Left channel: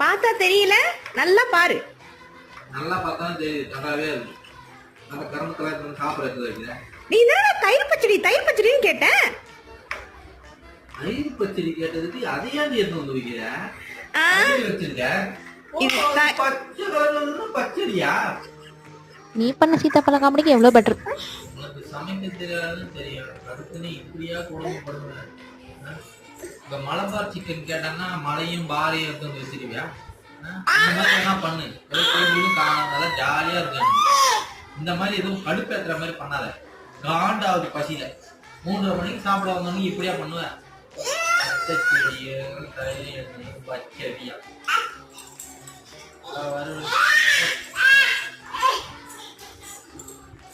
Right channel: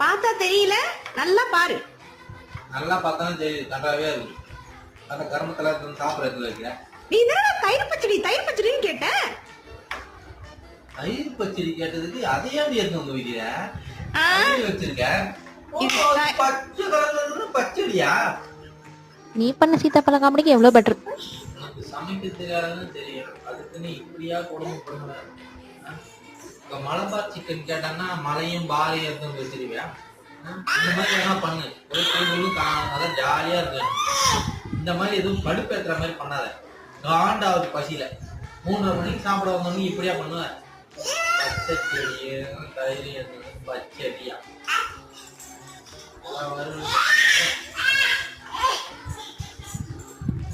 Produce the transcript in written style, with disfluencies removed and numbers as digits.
பார்த்தா தெரியல, நல்லா பாரு. நல்லா பார்த்தாலும் தெரியுது, நல்லாவே இருக்கு. அந்த கரும்புல சாப்பிடறதுக்கு வைக்கிறேன். நீ தான் தயிர் பச்சடின்னு கேட்ட. தயிர் பச்சடி கேட்டதுக்கு அதையாண்டி எடுத்து வந்து வைக்கிற வச்சிருக்க. பச்சை கலர்ல பச்சடியா? நீ பண்ண சீத்தாப்பழ காமெடிக்கு எவ்வளவு பெட்டர். உனக்கு சமைக்க தெரியாதுன்னு தெரியும், அதுக்கு நீ இப்படியா கொடுமைப்படுற? இப்ப மலபார் சிக்கன் கேட்டாங்கன்னா மலையும் பாலையும் எடுத்து வந்து வச்சிருவியா? இந்த மாதிரி என்ன பண்ணு, நல்லா ஜாலியா இருக்கு. இந்த மாதிரி எதுவும் கடுப்பேற்றுற மாதிரி பண்ணாத. காண்டாவது பசியில 3:30 மணிக்கு சாப்பிட வந்தோன்னு இப்படியா பண்ணுவேன்? பச்சடியா